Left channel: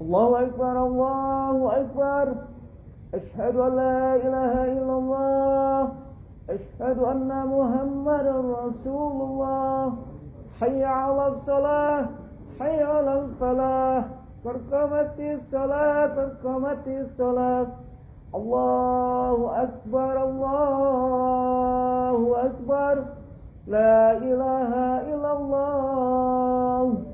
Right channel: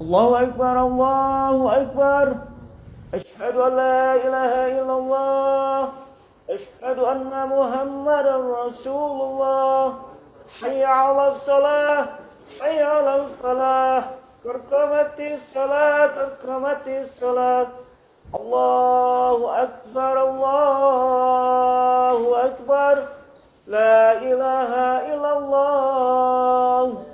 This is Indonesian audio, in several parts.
الله أكبر الله أكبر. أشهد أن لا إله إلا الله. أشهد أن محمدا رسول الله. حي على الصلاة حي على الفلاح. قد قامت الصلاة قد قامت الصلاة. الله أكبر الله أكبر. لا إله إلا الله.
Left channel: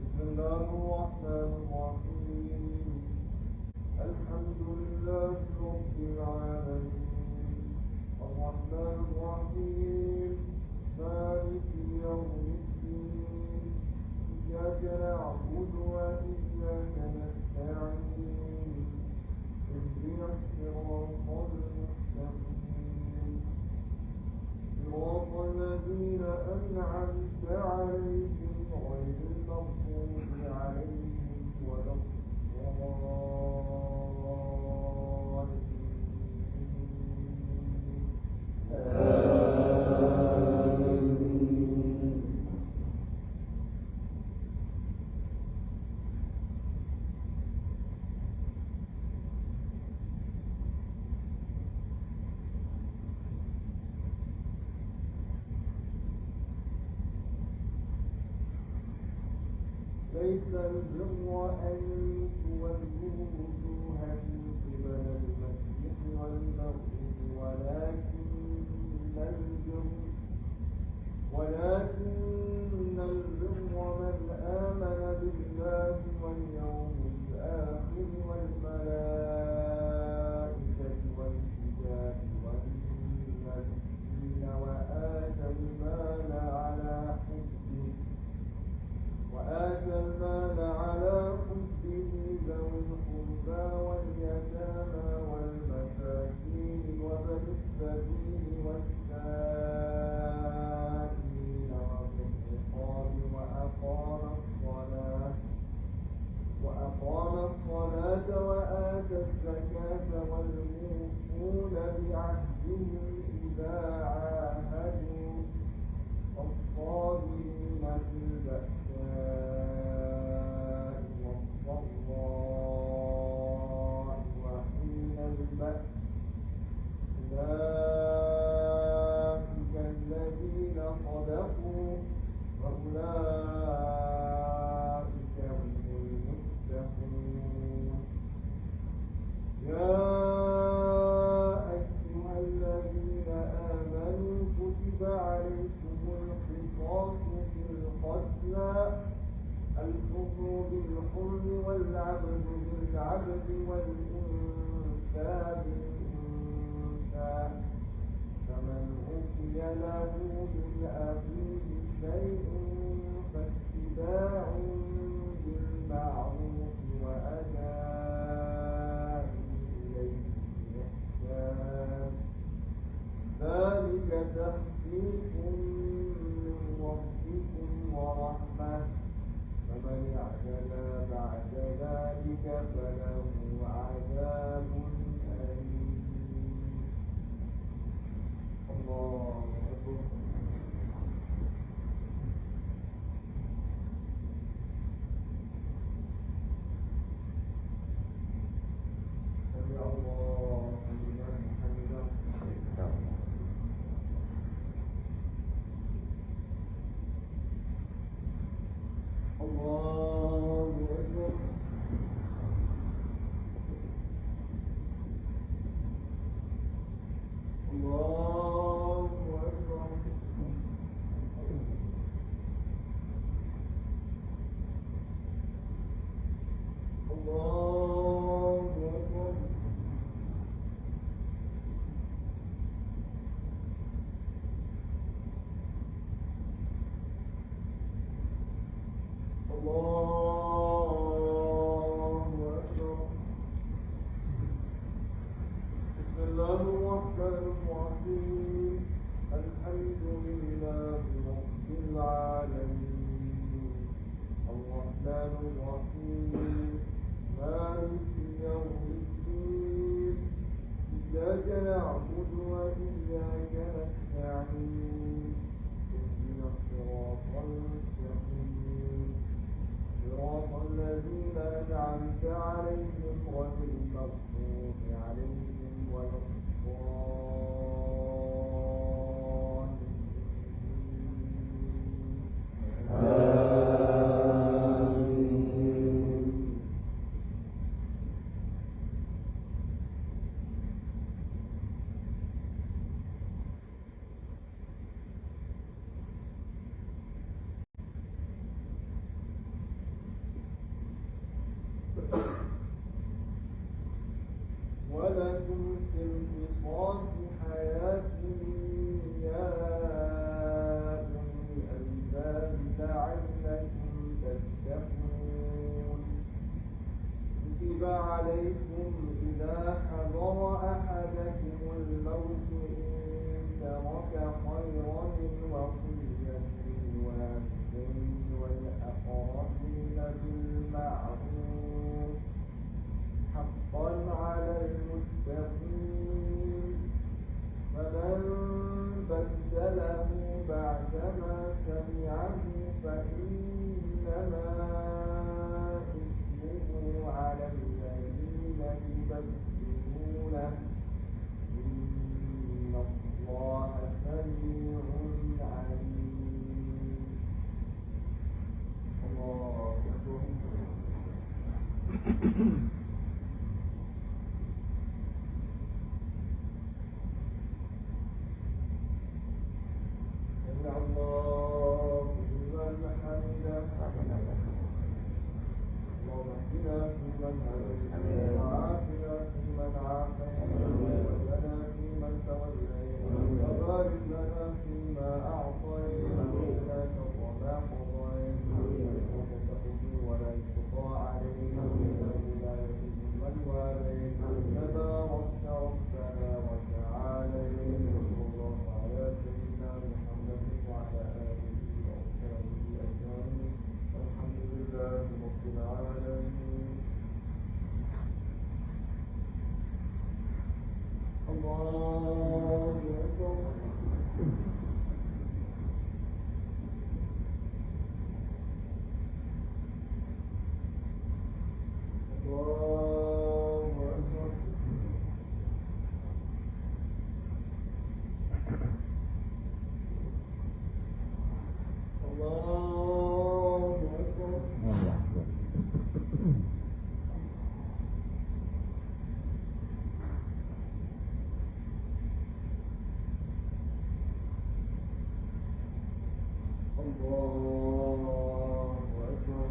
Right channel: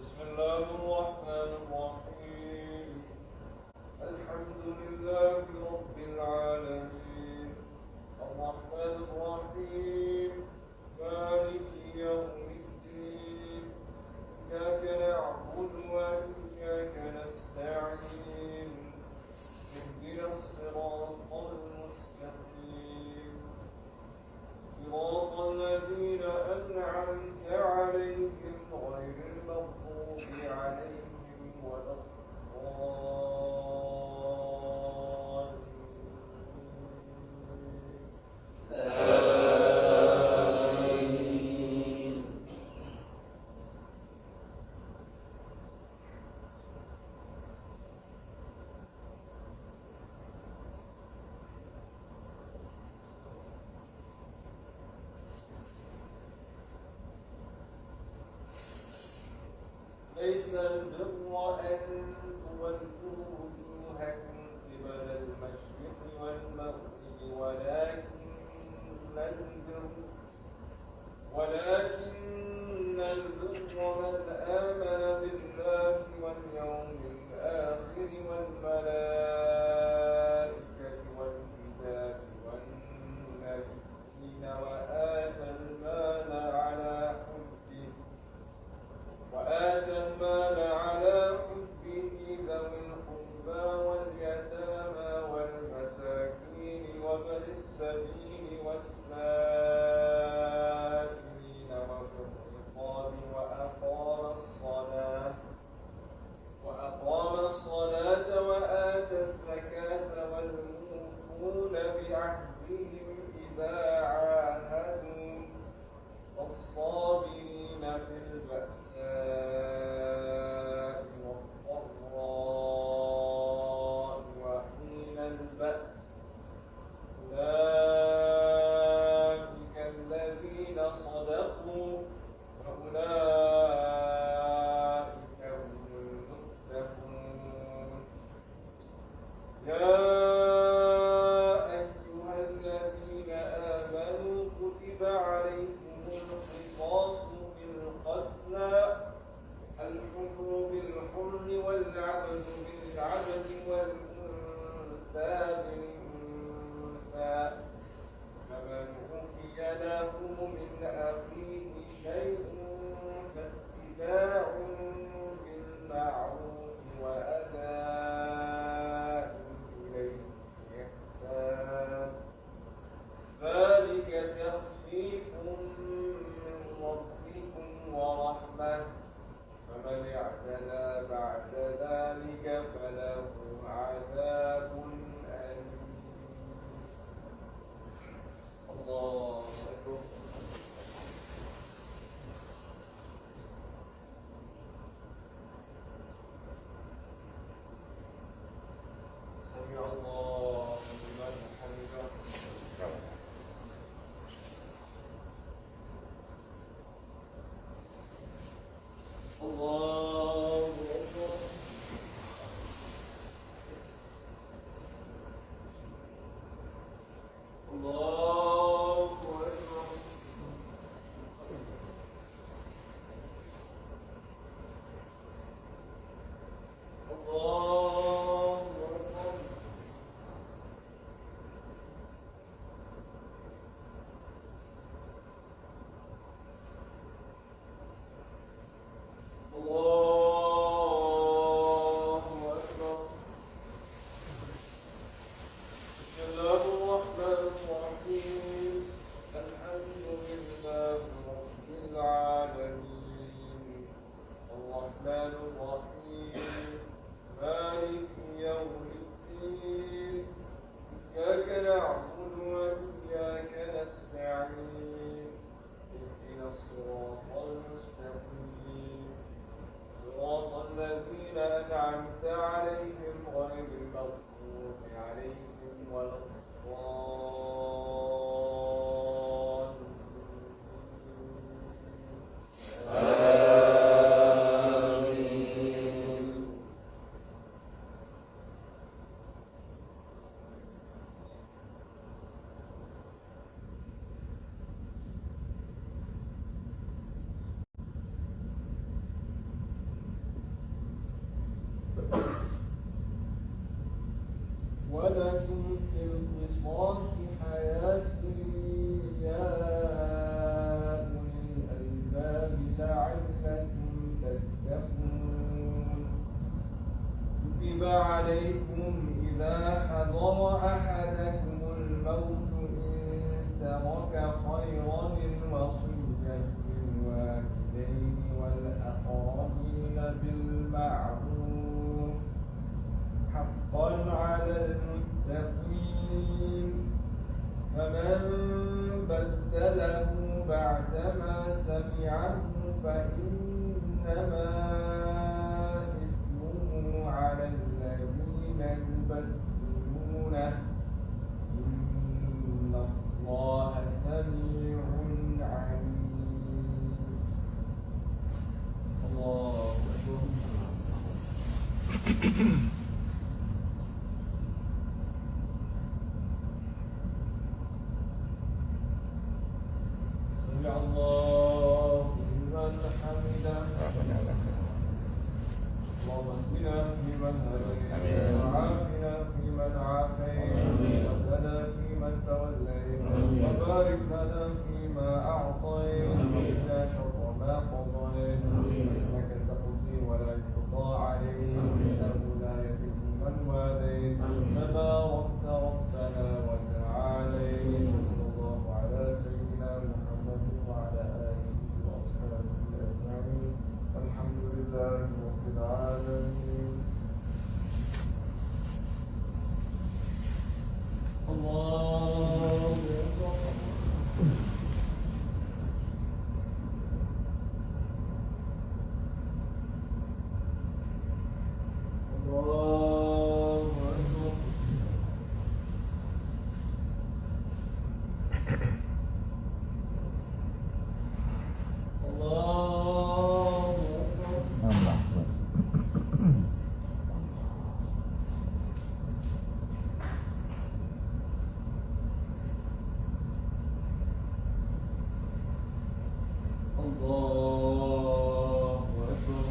بسم الله الرحمن الرحيم. الحمد لله رب العالمين الرحمن الرحيم مالك يوم الدين. إياك نعبد وإياك نستعين. اهدنا الصراط المستقيم صراط الذين أنعمت عليهم غير المغضوب عليهم ولا الضالين. ليس البر أن تولوا وجوهكم قبل المشرق والمغرب ولكن البر من آمن بالله واليوم الآخر والملائكة والكتاب والنبيين وآتى المال على حبه ذوي القربى واليتامى والمساكين وابن السبيل والسائلين وفي الرقاب وأقام الصلاة وآتى الزكاة والموفون بعهدهم إذا عاهدوا والصابرين في البأساء والضراء وحين البأس. أولئك الذين صدقوا وأولئك هم المتقون. يا أيها الذين آمنوا كتب عليكم القصاص في القتلى الحر بالحر والعبد بالعبد والأنثى بالأنثى. فمن عفي له من أخيه شيء فاتباع بالمعروف وأداء إليه بإحسان. ذلك تخفيف من ربكم ورحمة. فمن اعتدى بعد ذلك فله عذاب أليم. الله أكبر. سمع الله لمن حمده. الله أكبر. الله أكبر. الله أكبر. إياك نعبد وإياك نستعين اهدنا الصراط المستقيم صراط الذين أنعمت عليهم غير المغضوب عليهم ولا ولكم في القصاص حياة يا أولي الألباب لعلكم تتقون كتب عليكم إذا حضر أحدكم الموت إن ترك خيرا الوصية للوالدين والأقربين بالمعروف حقا على المتقين فمن بدله بعدما سمعه فإنما إثمه على الذين يبدلونه إن الله سميع عليم. الله أكبر. سمع الله لمن حمده. اللهم اهدنا فيمن هديت وعافنا فيمن عافيت وتولنا فيمن توليت وبارك لنا فيما أعطيت وقنا شر ما قضيت إنك تقضي ولا يقضى عليك إنه لا يذل من واليت تباركت ربنا وتعاليت وصلى الله على سيدنا محمد وعلى آله وأصحابه أجمعين الحمد لله رب العالمين. الله أكبر. الله أكبر. الله أكبر. الله أكبر.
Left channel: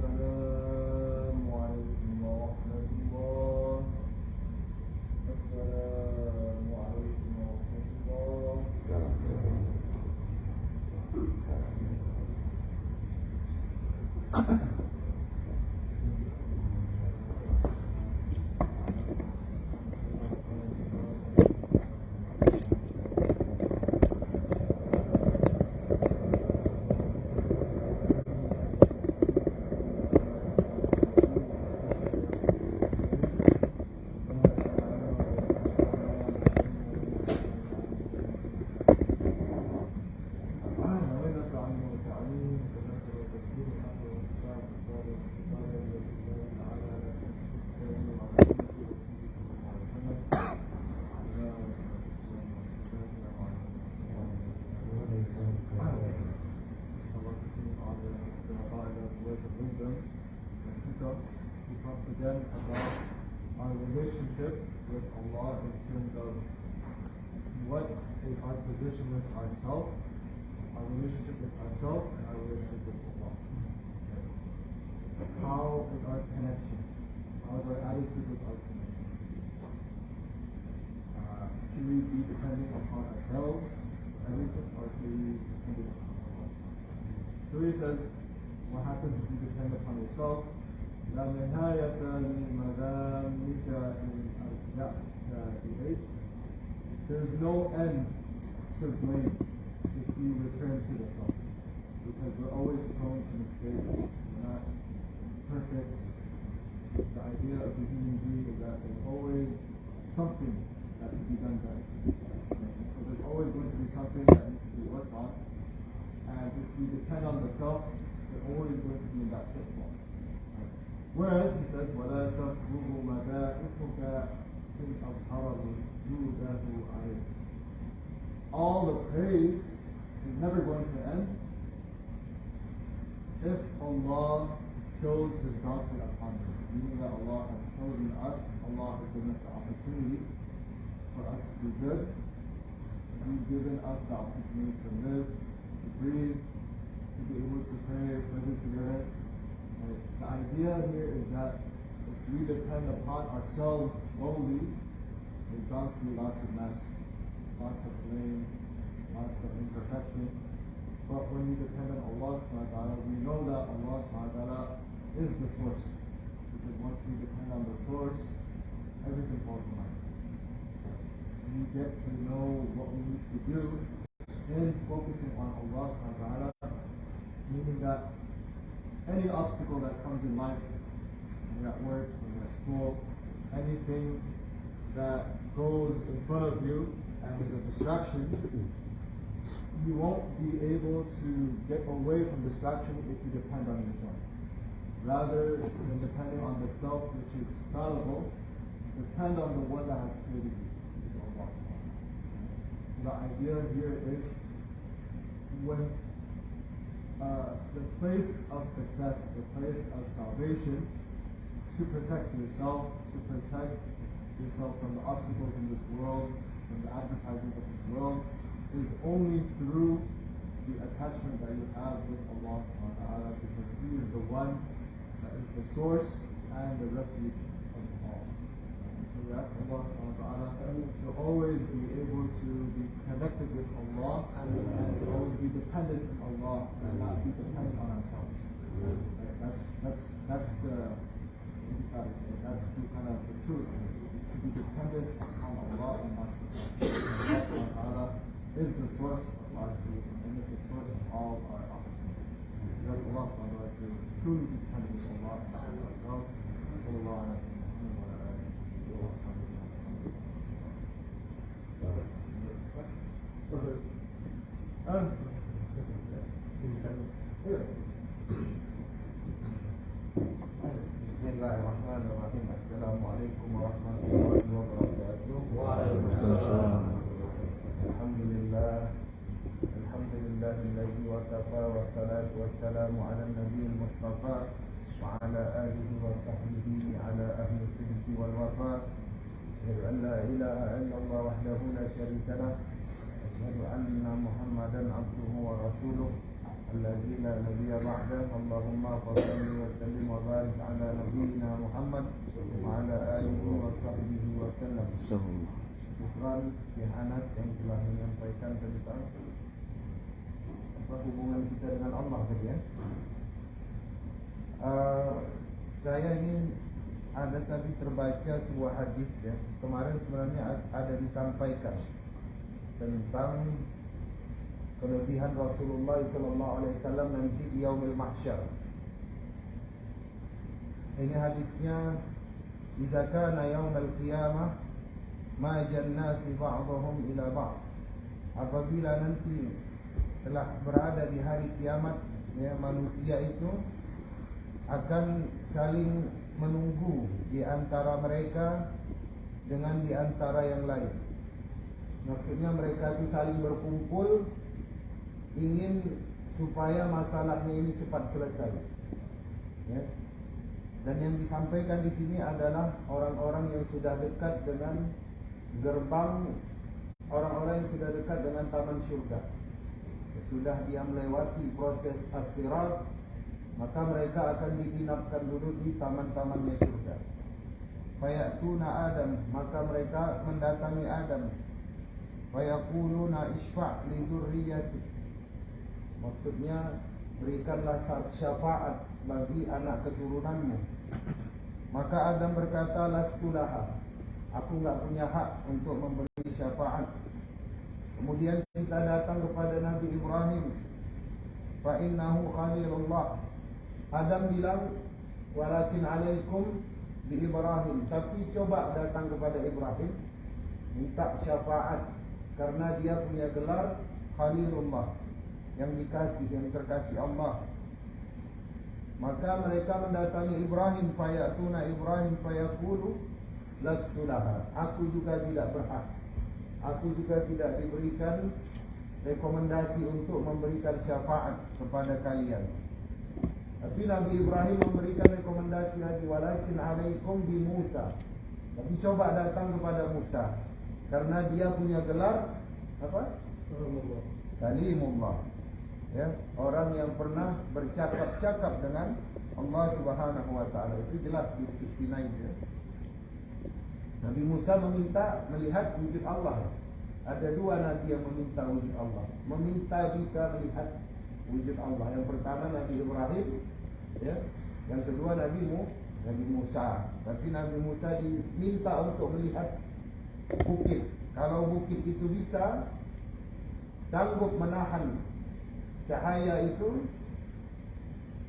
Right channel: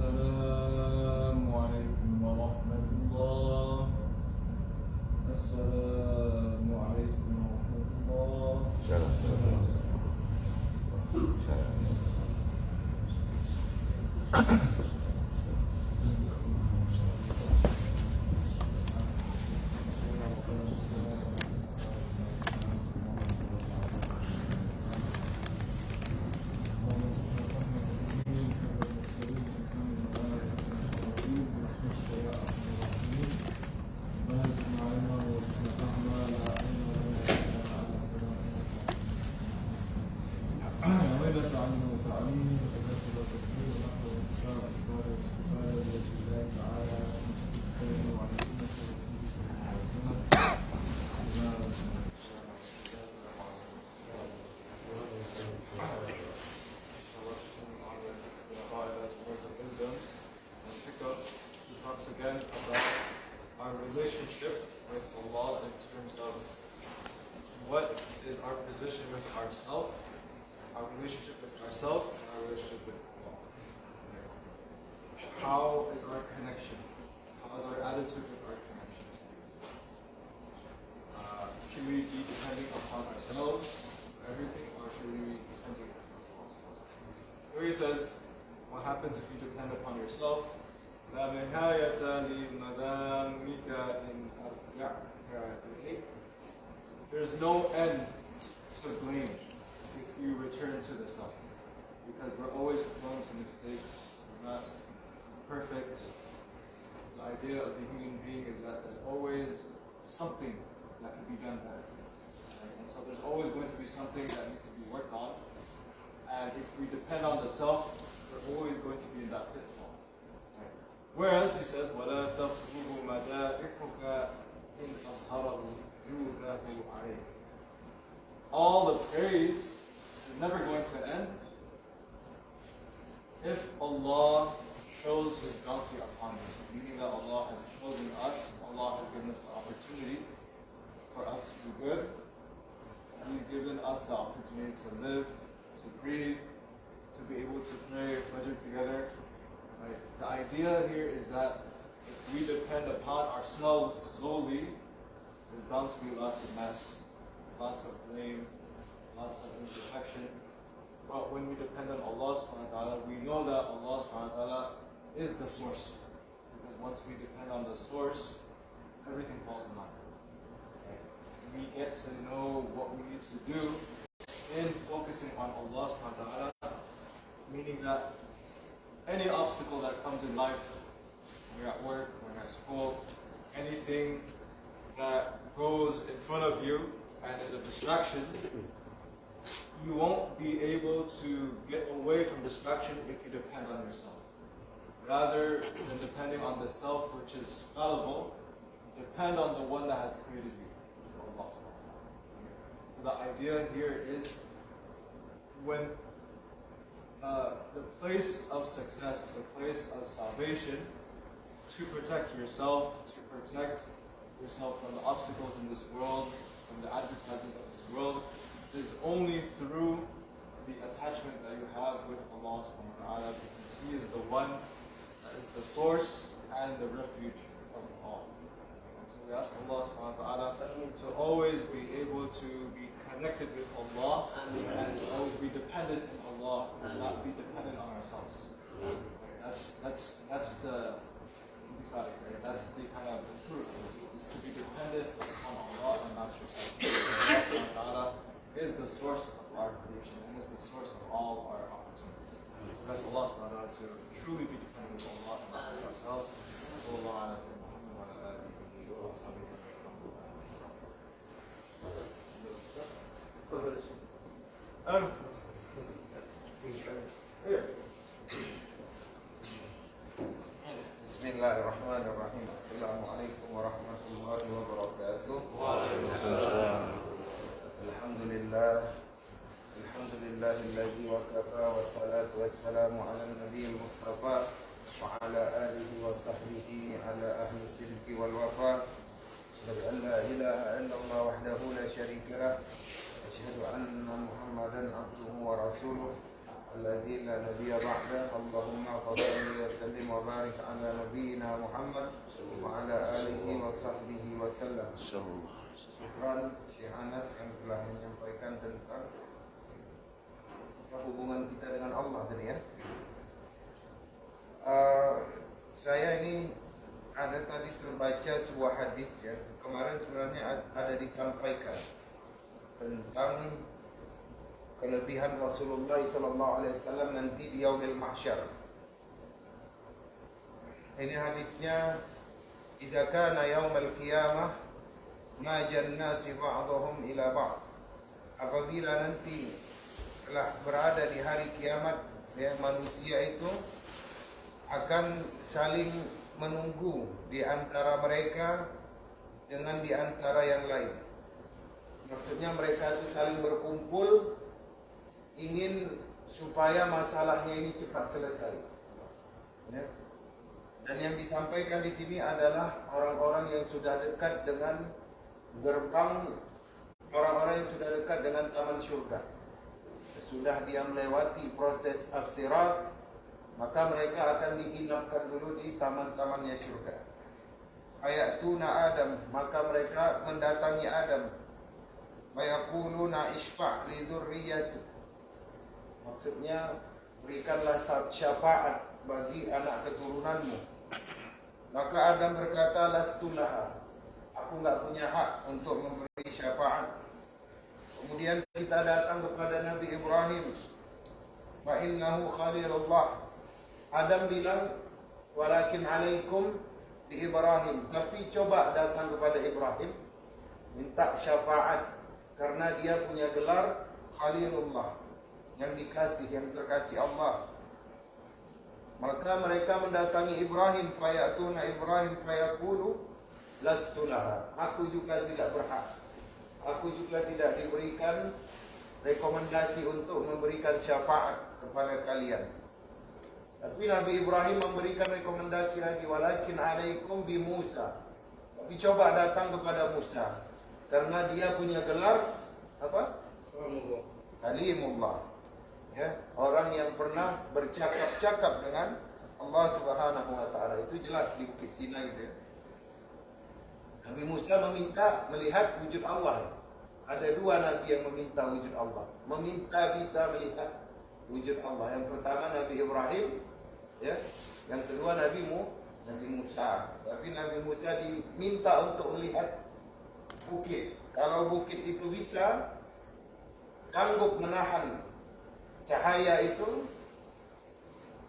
السلام عليكم ورحمة الله. السلام عليكم ورحمة الله. again about our relationship with Allah in terms of what is our position with ourselves, our relationship with ourselves, and our relationship with Allah. How is our connection? How is our attitude with our connection? Should we be depending upon ourselves for everything, or should we be depending upon Allah? Here he says, what happens if you depend upon yourself? لا نهاية لمدامك إن أرجعت. There's no end to blame if you return to the self, because we're always prone to mistakes. We're not perfect. The idea of the human being is that there's always something that can be done better. And so there's always going to be something that needs to be worked on. And if we depend on the self, we're always going to be in that pitfall. Whereas he says, وَلَا تَفْرُغُ مَدَائِحُكَ إِنْ أَظْهَرَهُ جُودَهُ عَلَيْكَ. All the praise is never going to end if Allah shows His bounty upon us, meaning that Allah has chosen us, Allah has given us the opportunity for us to do good. He's given us the opportunity to live, to breathe, to be able to pray Fajr together. Right? The idea here is that if we depend upon ourselves solely, there's bound to be lots of mess, lots of blame, lots of imperfection. But when we depend on Allah subhanahu wa ta'ala, we know that Allah subhanahu wa ta'ala is the source. Because once we depend on the source, everything falls in line. We get to know what we need to do in focusing on Allah subhanahu wa ta'ala, meaning that any obstacle that comes in life, when you're at work, when you're at school, anything that goes in front of you and is a distraction, you won't be able to get away from distraction if you depend on yourself. Rather than depending on the self, which is fallible, depend on the one that has created you, which is Allah. The idea here is when the place of success, the place of salvation, to protect yourself, from the obstacles in this world, from the advertisements of this world, is only through the attachment that you have with Allah subhanahu wa ta'ala, because He is the one that is the source and the refuge of all. And so we ask Allah subhanahu wa ta'ala to always be able to be connected with Allah and to always be dependent on Allah and not be dependent on ourselves. Right? That's the that's the kind of the truth is to be dependent on Allah and not yourself. Allah subhanahu wa ta'ala is the source of our creation and is the source of all our opportunities. We ask Allah subhanahu wa ta'ala to truly be dependent on Allah and not on ourselves. Sallallahu alaihi wa sallam wa ala alihi wa Bismillahirrahmanirrahim. Assalamualaikum warahmatullahi wabarakatuh. Waalaikumsalam. Alhamdulillahilladzi wa kafa wa salatu wassalamu ala nabiyil mustafa wa ala alihi wa sahbihi ala ahli sidqi wal wafa. Asyhadu an la ilaha illallah wahdahu la syarika lah. Asyhadu anna Muhammadan abduhu wa rasuluh. الذي لا نبي بعده. اللهم صل وسلم وبارك على نبينا محمد وعلى آله وصحبه وسلم. Syukran Syekh Anas yang telah menyampaikan tentang hubungan kita dengan Allah tadi ya. Saya ini ada tadi terbaca sebuah hadis ya. Kemarin sebenarnya ada disampaikan tentang kelebihan Rasulullah SAW nanti di Yaumil Mahsyar. Ini hadisnya, "Idza kana yaumul qiyamah ma jannasi ba'dhum ila ba'd." Apabila nanti telah berada di hari kiamat, ya, manusia itu akan saling menunggu di antara mereka dengan di antara yang lain. Maksudnya mereka itu saling berkumpul ingin supaya masalahnya ini cepat selesai. Ya. Dan yang disampaikan di sini adalah orang-orang yang sudah dekat dengan gerbang, orang-orang yang sudah dekat dengan taman syurga. Sudah dia melewati proses as-sirat, maka mereka akan diinapkan dulu di taman-tamannya syurga. Fayatuna Adam, maka mereka mendatangi Adam. Fayaquluna isfa' li dzurriyyati. Maksudnya berikanlah syafaat bagi anak keturunanmu. Maka Adam berkata, lastulaha, aku enggak punya hak untuk memberi syafaat. Kemudian kita datang kepada Nabi Ibrahim. Fa innahu khalilullah. Adam bilang, walakin alaikum bi Ibrahim. Tapi coba datang kepada Ibrahim, minta syafaat, karena dia punya gelar Khalilullah, yang dikasih, yang terkasih Allah. Maka mereka mendatangi Ibrahim, fayatuna Ibrahim fayaqulu lastulaha, aku juga tidak berhak, aku juga tidak diberikan rekomendasi untuk memberikan syafaat kepada kalian. Tapi Nabi Ibrahim memberikan rekomendasi lagi, walakin alaikum bi Musa. Tapi coba datang kepada Musa, karena dia punya gelar apa? Kalimullah. Ya, orang yang pernah bercakap-cakap dengan Allah Subhanahu wa taala. Itu jelas di Bukit Sinai itu. Nabi Musa meminta melihat wujud Allah. Ada dua nabi yang meminta wujud Allah, meminta bisa melihat wujud Allah. Yang pertama Nabi Ibrahim, ya. Yang kedua Nabi Musa. Tapi Nabi Musa diminta untuk melihat bukit. Kalau bukit itu bisa sanggup menahan cahaya itu,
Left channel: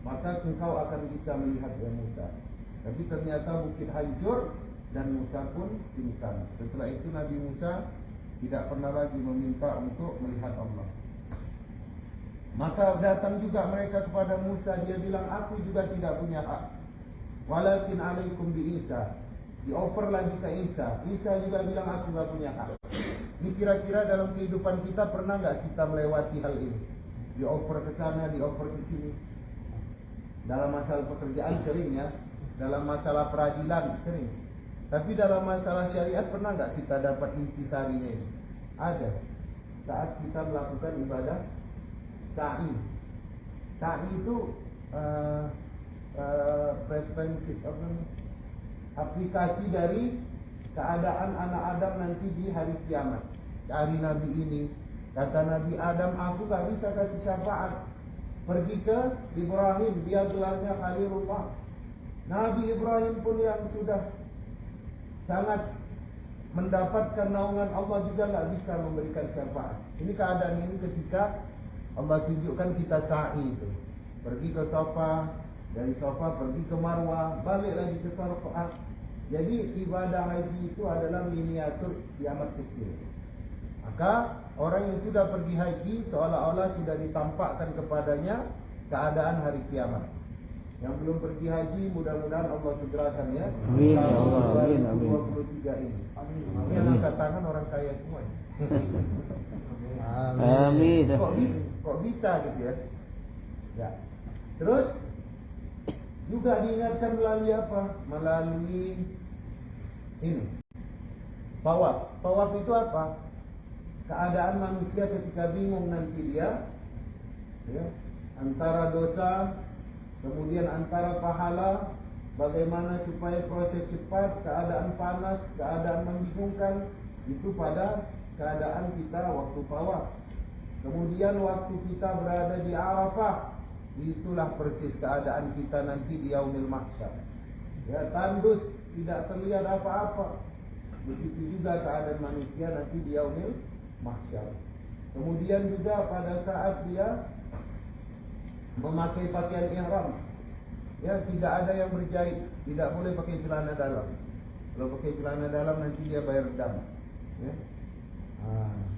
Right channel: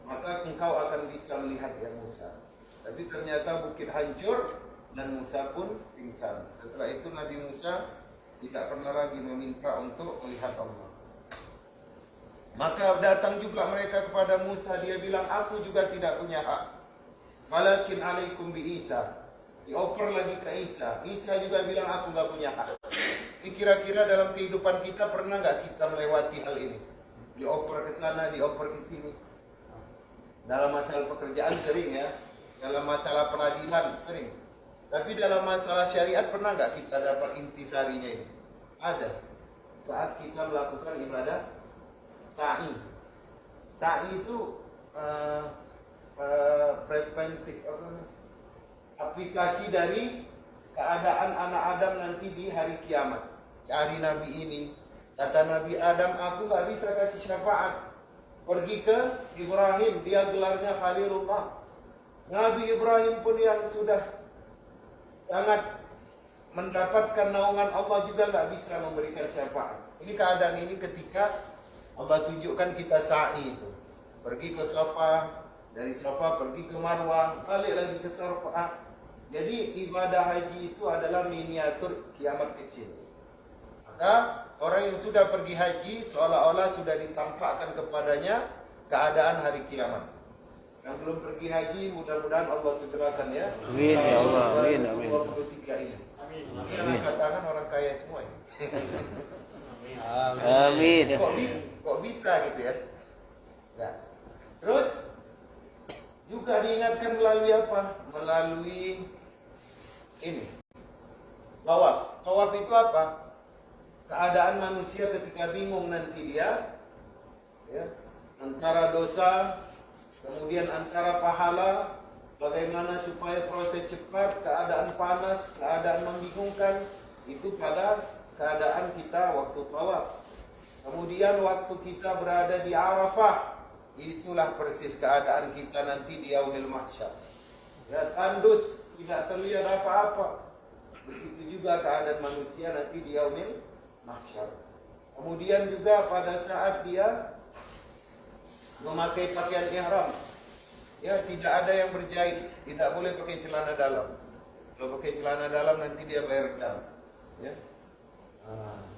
maka engkau akan bisa melihat ya Musa. Tapi ternyata bukit hancur dan Musa pun pingsan. Setelah itu Nabi Musa tidak pernah lagi meminta untuk melihat Allah. Maka datang juga mereka kepada Musa, dia bilang, aku juga tidak punya hak. Walakin alaikum bi Isa. Dioper lagi ke Isa. Isa juga bilang, aku enggak punya hak. Ini kira-kira dalam kehidupan kita pernah enggak kita melewati hal ini? Dioper ke sana, dioper ke sini. Dalam masalah pekerjaan sering ya, dalam masalah peradilan sering. Tapi dalam masalah syariat pernah enggak kita dapat intisarinya ini? Ada. Saat kita melakukan ibadah sa'i. Sa'i itu preventif, aplikasi dari keadaan anak Adam nanti di hari kiamat. Hari Nabi ini, kata Nabi Adam, aku gak bisa kasih syafaat. Pergi ke Ibrahim, dia gelarnya Khalilullah. Nabi Ibrahim pun yang sudah sangat mendapatkan naungan Allah juga gak bisa memberikan syafaat. Ini keadaan ini ketika Allah tunjukkan kita sa'i itu. Pergi ke Safa, dari Safa pergi ke Marwah, balik lagi ke Safa. Jadi ibadah haji itu adalah miniatur kiamat kecil. Maka orang yang sudah pergi haji seolah-olah sudah ditampakkan kepadanya keadaan hari kiamat. Yang belum pergi haji mudah-mudahan Allah segerakan ya. Amin ya Allah, amin amin. 23 ini. Amin. Ini yang angkat tangan orang kaya semua ya. Amin. Kok bisa gitu ya? Ya. Terus juga diingatkan melalui apa? Melalui ini. Tawaf. Tawaf itu apa? Keadaan manusia ketika bingung nanti dia, ya, antara dosa, kemudian antara pahala, bagaimana supaya proses cepat, keadaan panas, keadaan membingungkan, itu pada keadaan kita waktu tawaf. Kemudian waktu kita berada di Arafah, itulah persis keadaan kita nanti di Yaumil Mahsyar. Ya, tandus, tidak terlihat apa-apa. Begitu juga keadaan manusia nanti di Yaumil Mahsyar. Kemudian juga pada saat dia memakai pakaian ihram, ya, tidak ada yang berjahit, tidak boleh pakai celana dalam. Kalau pakai celana dalam nanti dia bayar dam. Ya.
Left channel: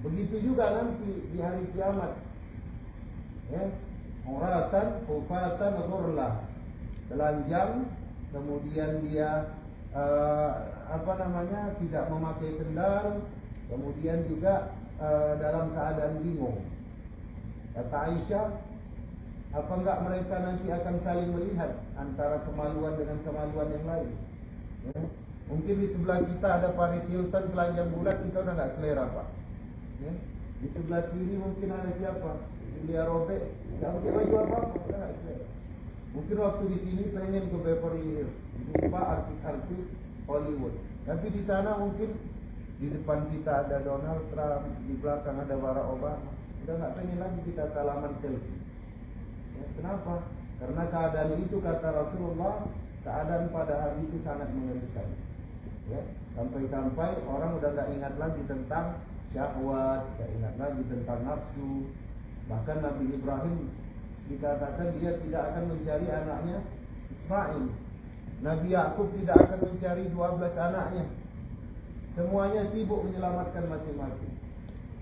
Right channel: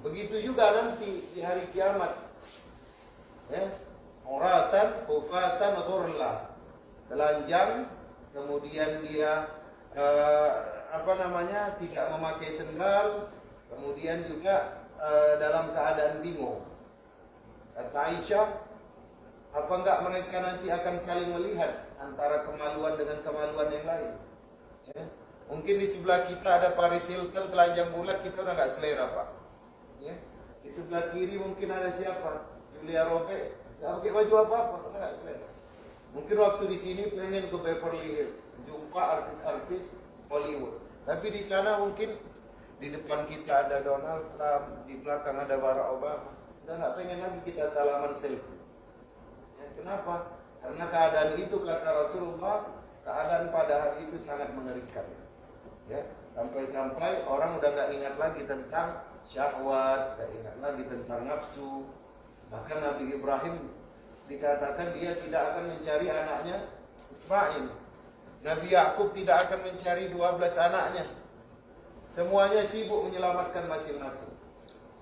Begitu juga nanti di hari kiamat. Ya. Uratan, khufatan, ghurla. Telanjang, kemudian dia tidak memakai sendal, kemudian juga dalam keadaan bingung. Kata Aisyah, Apa enggak mereka nanti akan saling melihat antara kemaluan dengan kemaluan yang lain? Ya. Mungkin di sebelah kita ada Paris Hilton telanjang bulat, kita udah nggak selera Pak. Ya. Di sebelah kiri mungkin ada siapa? Julia Robert, nggak pakai baju apa-apa, udah nggak selera. Mungkin waktu di sini pengen ke Beverly Hills, jumpa artis-artis Hollywood. Tapi di sana mungkin di depan kita ada Donald Trump, di belakang ada Barack Obama. Udah nggak pengen lagi kita salaman selfie. Ya, kenapa? Karena keadaan itu kata Rasulullah, keadaan pada hari itu sangat mengerikan. Ya, sampai-sampai orang udah nggak ingat lagi tentang syahwat, nggak ingat lagi tentang nafsu. Bahkan Nabi Ibrahim dikatakan dia tidak akan mencari anaknya Ismail. Nabi Yakub tidak akan mencari 12 anaknya. Semuanya sibuk menyelamatkan masing-masing.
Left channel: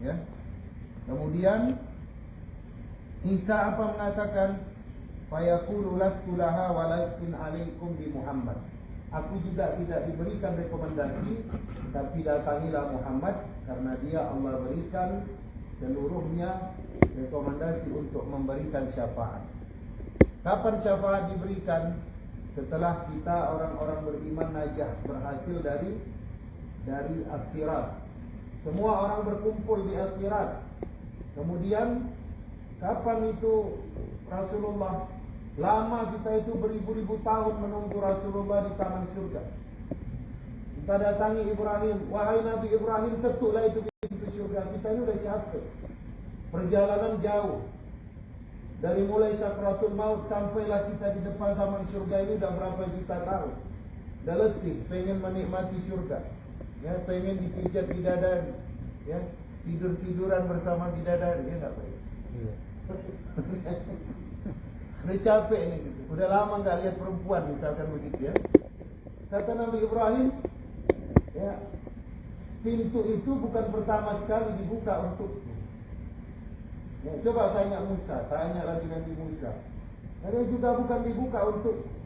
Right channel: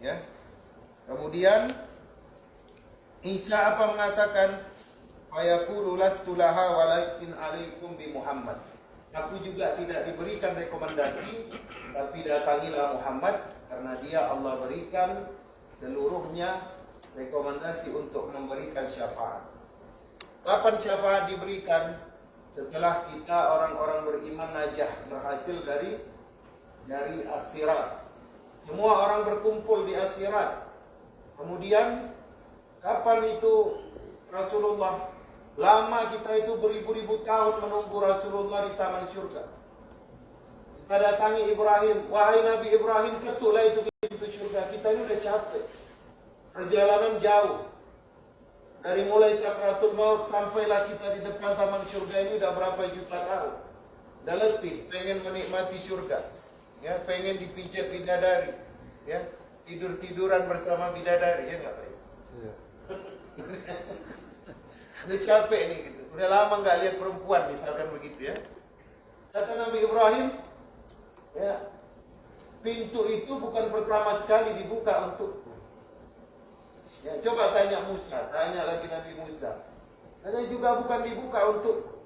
Ya. Kemudian Isa apa mengatakan, fayaqulu lastu laha walakin alaikum bi Muhammad. Aku juga tidak diberikan rekomendasi, tapi datangilah Muhammad, karena dia Allah berikan seluruhnya rekomendasi untuk memberikan syafaat. Kapan syafaat diberikan? Setelah kita orang-orang beriman najah, berhasil dari As-Sirat. Semua orang berkumpul di As-Sirat. Kemudian kapan itu Rasulullah? Lama kita itu beribu-ribu tahun menunggu Rasulullah di taman surga. Kita datangi Ibrahim, wahai Nabi Ibrahim, ketuklah itu pintu surga. Kita ini udah capek. Perjalanan jauh. Dari mulai sakratul maut sampailah kita di depan taman surga ini udah berapa juta tahun. Udah letih, pengen menikmati surga. Ya, pengen dipijat bidadari. Ya, tidur-tiduran bersama bidadari, ya enggak, Pak? Iya. Udah capek nih gitu. Udah lama enggak lihat perempuan misalkan begitu ya. Kata Nabi Ibrahim, ya, pintu itu bukan pertama sekali dibuka untukku. Ya, coba tanya Musa, tanya lagi Nabi Musa. Katanya juga bukan dibuka untukku.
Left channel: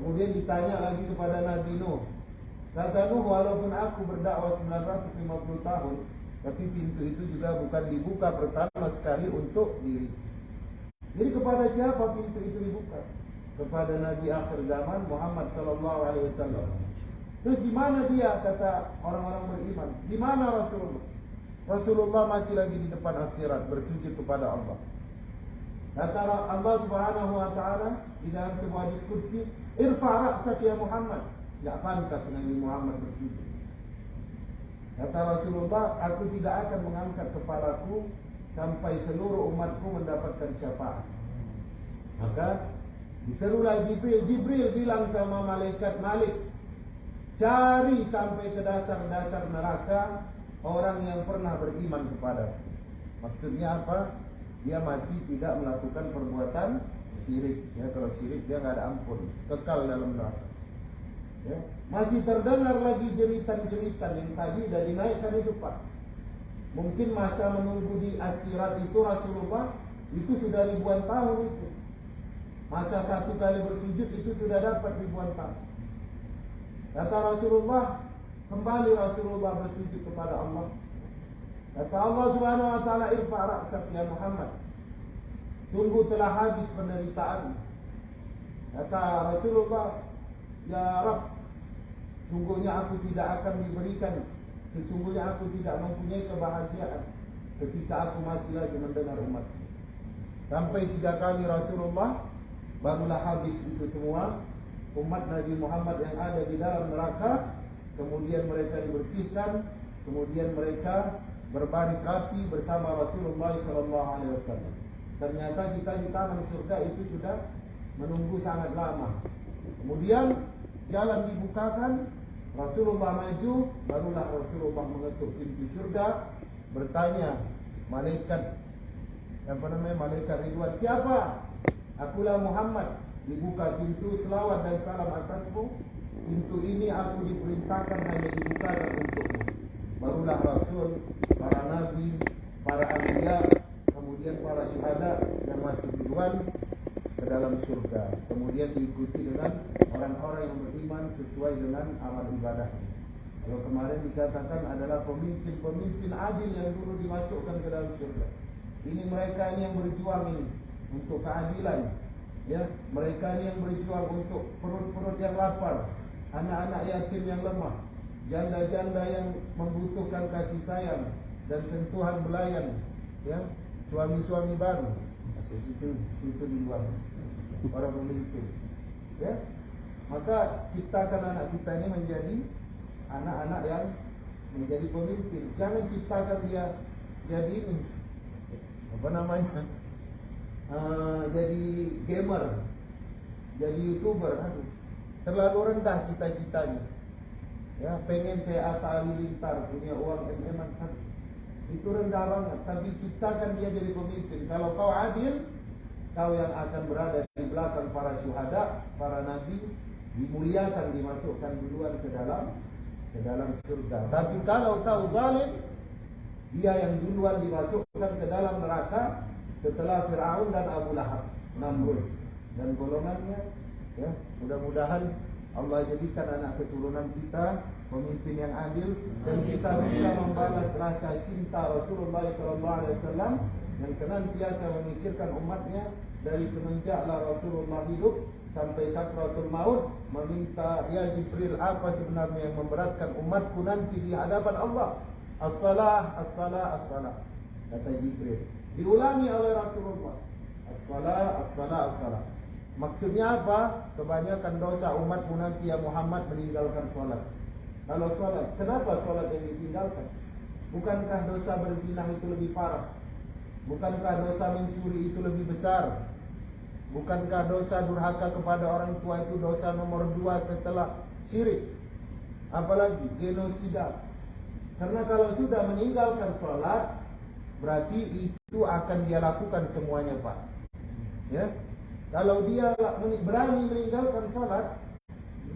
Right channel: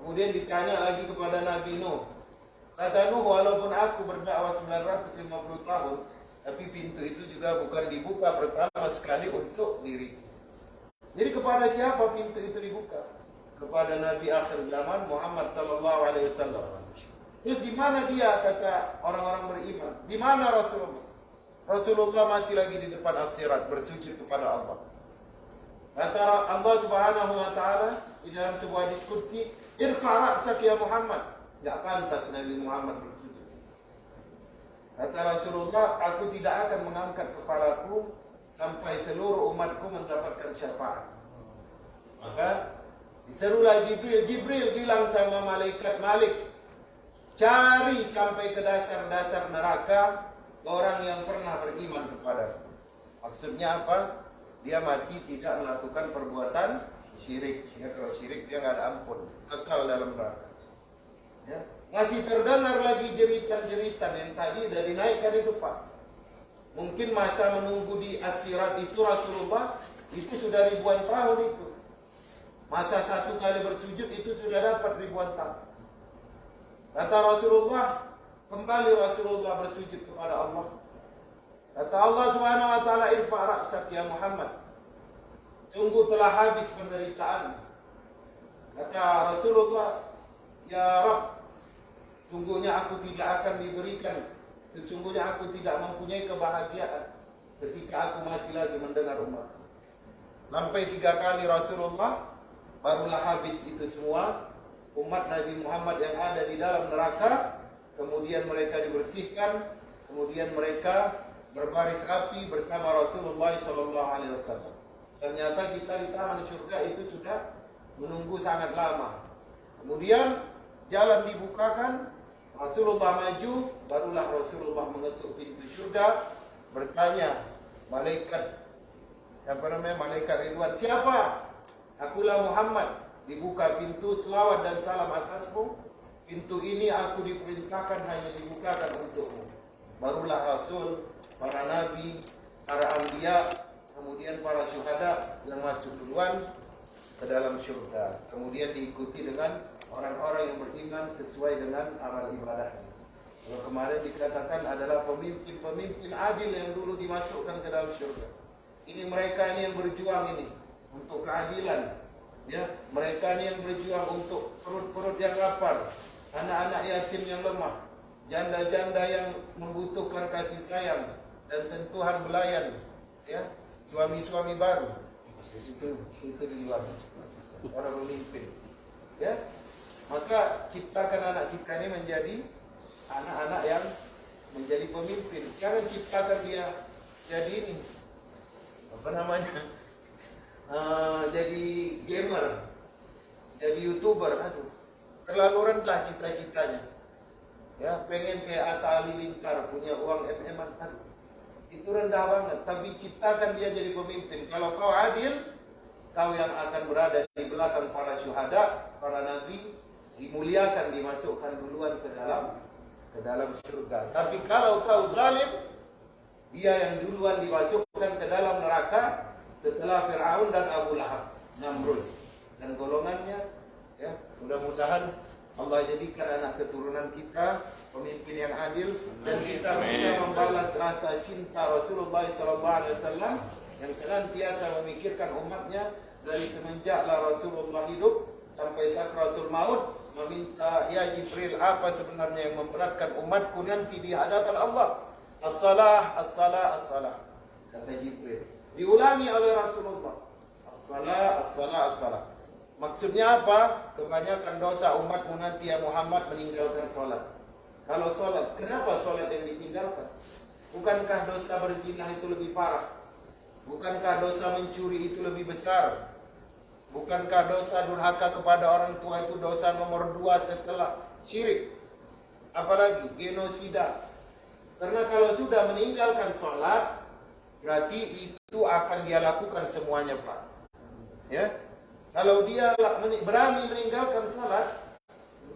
Kemudian ditanya lagi kepada Nabi Nuh. Kata Nuh, walaupun aku berdakwah 950 tahun, tapi pintu itu juga bukan dibuka pertama sekali untuk diriku. Jadi kepada siapa pintu itu dibuka? Kepada Nabi akhir zaman Muhammad sallallahu alaihi wasallam. Terus di mana dia, kata orang-orang beriman? Di mana Rasulullah? Rasulullah masih lagi di depan As-Sirat bersujud kepada Allah. Kata Allah Subhanahu wa taala di dalam sebuah diskusi, "Irfa' ra'sak ya Muhammad." Enggak pantas Nabi Muhammad bersujud. Kata Rasulullah, "Aku tidak akan mengangkat kepalaku sampai seluruh umatku mendapatkan syafaat." Maka diserulah Jibril. Jibril bilang sama malaikat Malik, "Cari sampai ke dasar-dasar neraka orang yang pernah beriman kepadaku." Maksudnya apa? Dia mati tidak melakukan perbuatan syirik. Ya, kalau syirik dia nggak ada ampun, kekal dalam neraka. Ya, masih terdengar lagi jeritan-jeritan yang tadi sudah dinaikkan itu Pak. Mungkin masa menunggu di As-Sirat itu Rasulullah itu sudah ribuan tahun itu. Masa satu kali bersujud itu sudah dapat ribuan tahun. Kata Rasulullah, kembali Rasulullah bersujud kepada Allah. Kata Allah Subhanahu wa taala, "Irfa' ra'sak ya Muhammad." Sungguh telah habis penderitaan. Kata Rasulullah, "Ya Rabb, sungguhnya aku tidak akan diberikan, sesungguhnya aku tidak mempunyai kebahagiaan ketika aku masih lagi mendengar umat." Sampai 3 kali Rasulullah, barulah habis itu semua umat Nabi Muhammad yang ada di dalam neraka. Kemudian mereka dibersihkan, kemudian mereka berbaris rapi bersama Rasulullah SAW. Ternyata kita di taman surga itu sudah menunggu sangat lama. Kemudian jalan dibukakan, Rasulullah maju, barulah Rasulullah mengetuk pintu surga, bertanya malaikat malaikat Ridwan, "Siapa?" "Akulah Muhammad." Dibuka pintu, selawat dan salam atasmu. Pintu ini aku diperintahkan hanya dibukakan untukmu. Barulah Rasul, para Nabi, para Anbiya, kemudian para syuhada yang masuk duluan ke dalam syurga. Kemudian diikuti dengan orang-orang yang beriman sesuai dengan amal ibadahnya. Kalau kemarin dikatakan adalah pemimpin-pemimpin adil yang dulu dimasukkan ke dalam syurga. Ini mereka ini yang berjuang ini, untuk keadilan. Ya, mereka ni yang berjuang untuk perut-perut yang lapar, anak-anak yatim yang lemah, janda-janda yang membutuhkan kasih sayang dan sentuhan belayan, ya, suami-suami baru. Itu di luar para pemimpin. Ya, maka ciptakan anak kita ini menjadi anak-anak yang menjadi pemimpin. Jangan ciptakan dia jadi ini, apa namanya, jadi gamer, jadi YouTuber. Aduh, terlalu rendah cita-citanya. Ya, pengen kayak Atta Halilintar, punya uang MM-an. Aduh, itu rendah banget. Tapi ciptakan dia jadi pemimpin. Kalau kau adil, kau yang akan berada di belakang para syuhada, para nabi, dimuliakan, dimasukkan duluan ke dalam surga. Tapi kalau kau zalim, dia yang duluan dimasukkan ke dalam neraka setelah Fir'aun dan Abu Lahab, Namrud dan golongannya. Ya, mudah-mudahan Allah jadikan anak keturunan kita pemimpin yang adil, dan kita bisa membalas rasa cinta Rasulullah SAW yang senantiasa memikirkan umatnya dari semenjaklah Rasulullah hidup sampai sakratul maut, meminta, ya Jibril, apa sebenarnya yang memberatkan umatku nanti di hadapan Allah? As-salah, as-salah, as-salah, kata Jibril. Diulangi oleh Rasulullah, as-salah, as-salah, as-salah. Maksudnya apa? Kebanyakan dosa umatmu nanti ya Muhammad meninggalkan solat. Kalau solat, kenapa solat yang ditinggalkan? Bukankah dosa berzina itu lebih parah? Bukankah dosa mencuri itu lebih besar? Bukankah dosa durhaka kepada orang tua itu dosa nomor 2 setelah syirik? Apalagi genosida. Karena kalau sudah meninggalkan sholat, berarti itu akan dia lakukan semuanya, Pak. Ya, kalau dia berani meninggalkan sholat,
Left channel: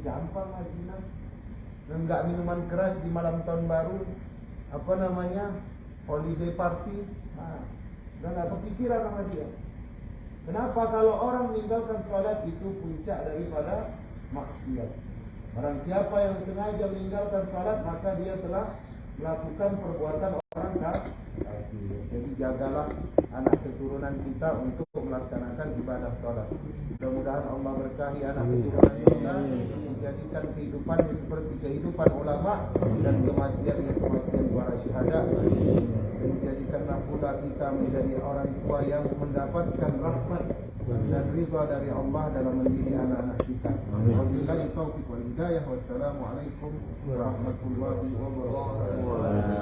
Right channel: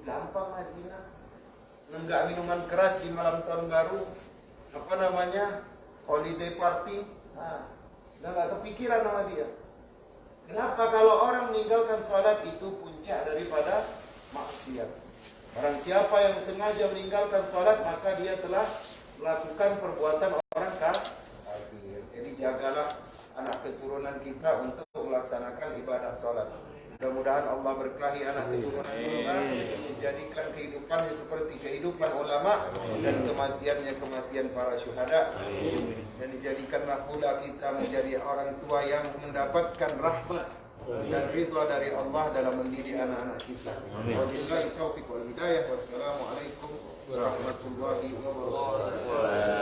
gampang lah zina. Enggak minuman keras di malam tahun baru, apa namanya, holiday party. Nah, udah gak kepikiran sama dia. Kenapa? Kalau orang meninggalkan sholat itu puncak daripada maksiat. Barang siapa yang sengaja meninggalkan sholat, maka dia telah melakukan perbuatan orang kafir. Jadi jagalah anak keturunan kita untuk melaksanakan ibadah sholat. Mudah-mudahan Allah berkahi anak keturunan kita, menjadikan kehidupannya seperti kehidupan ulama dan kematiannya kematian para syuhada. Dan dijadikanlah pula kita menjadi orang tua yang mendapatkan rahmat dan ridha dari Allah dalam mendidik anak-anak kita. Wabillahi taufiq wal hidayah. Wassalamualaikum warahmatullahi wabarakatuh.